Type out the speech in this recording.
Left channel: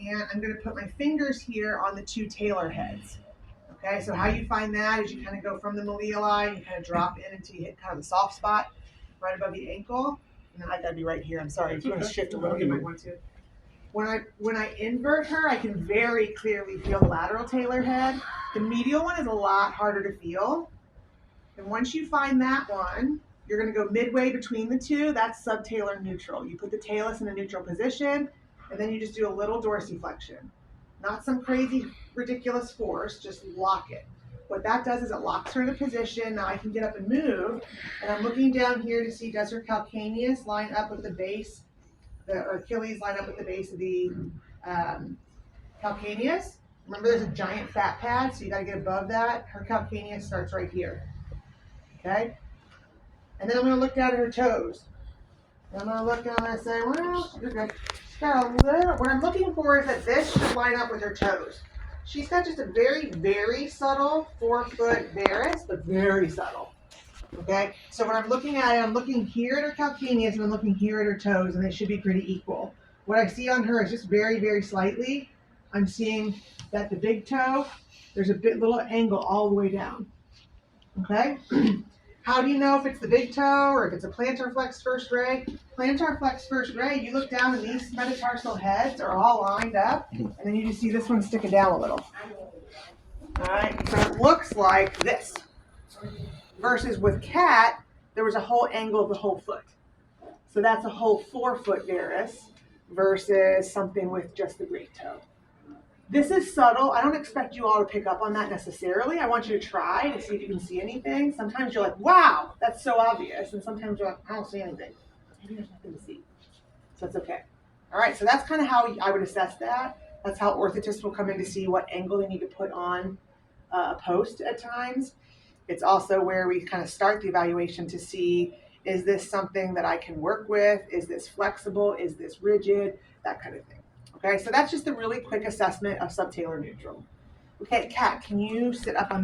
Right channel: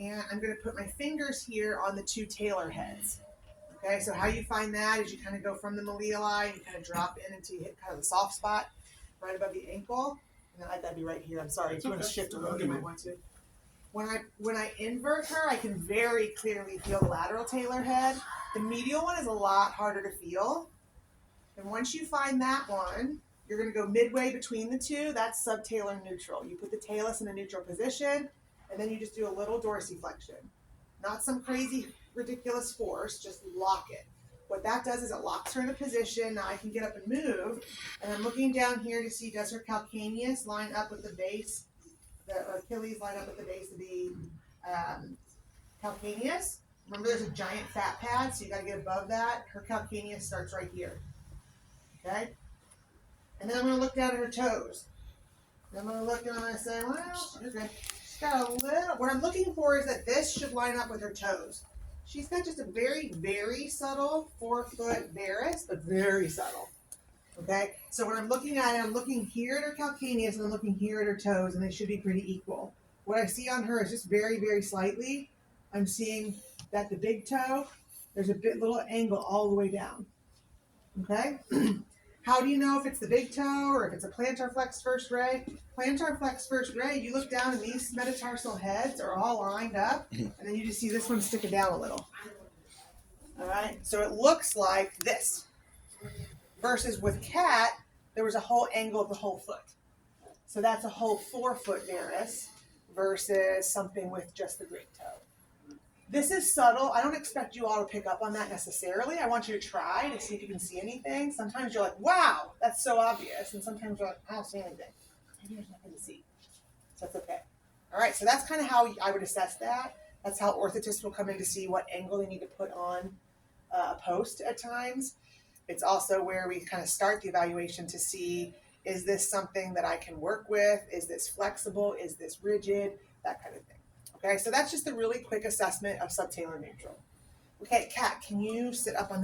And I'm going to put my fingers here on the two talar heads. Okay, so how you find that is you kind of go from the malleoli and you kind of drop in until you hit kind of the soft spot right above the ankle. And then I gotta be right here. I'm sorry. If you want to shift a little, you might want to. When I invert her, I can very clearly feel the lateral talar head. The medial one is a lot harder to feel. And once you find that one, you're going to go midway between the two. That's subtalar neutral. You put the talus in a neutral position, and then you just do a little dorsiflexion. Not some crazy, ridiculous force, just lock it. What that does is it locks her in a position. Now I can get up and move, and I'm looking down here to see, does her calcaneus line up with the base, or Achilles line up with the base of the calcaneus? Remember, there's a giant fat pad, so you got to get above that. Her calcaneus starts right here. Okay? And then I'm going to look down at her toes. And I'm going to look and I'm going to say, well, you're good. She's got a little, what I'm looking for is that this should line up with her toes. She's got just a very, very subtle 4-foot varus, but very subtle. Okay? So when I'm looking at it, I'm looking here at her calcaneus and I'm looking here at her toes, and they should be pretty equal. What I see on her is just very, very slightly. I'm seeing that the big toe, there's a little angle all the way down. Okay? How do you know if it's the big toe or if it's a plantar flex first ray? Plantar flex first ray, you look down and these metatarsal heads are all lined up, and then you just see this one sticking down a little. All right, so it looks like this. Versus with cat, there was a whole angle of the whole foot. So that's a whole 4-foot varus versus something with just the great toe. This is subtle. I don't expect you all to pick up on that necessarily. I want you to try to see if you can see anything. Sometimes you're like, wow, that's so obvious. And sometimes you're like, I don't see anything. Maybe there's nothing to see. So it's okay. All right, so that's kind of how I would assess that. That's how orthotists will come in to see what angle they need to put on a post at times. It's also where we kind of start the evaluation to see, is this something that I can work with? Is this flexible? Is this rigid? That kind of thing. Okay, so that's just a really quick assessment of subtalar neutral. Okay, Kat, can you sit up on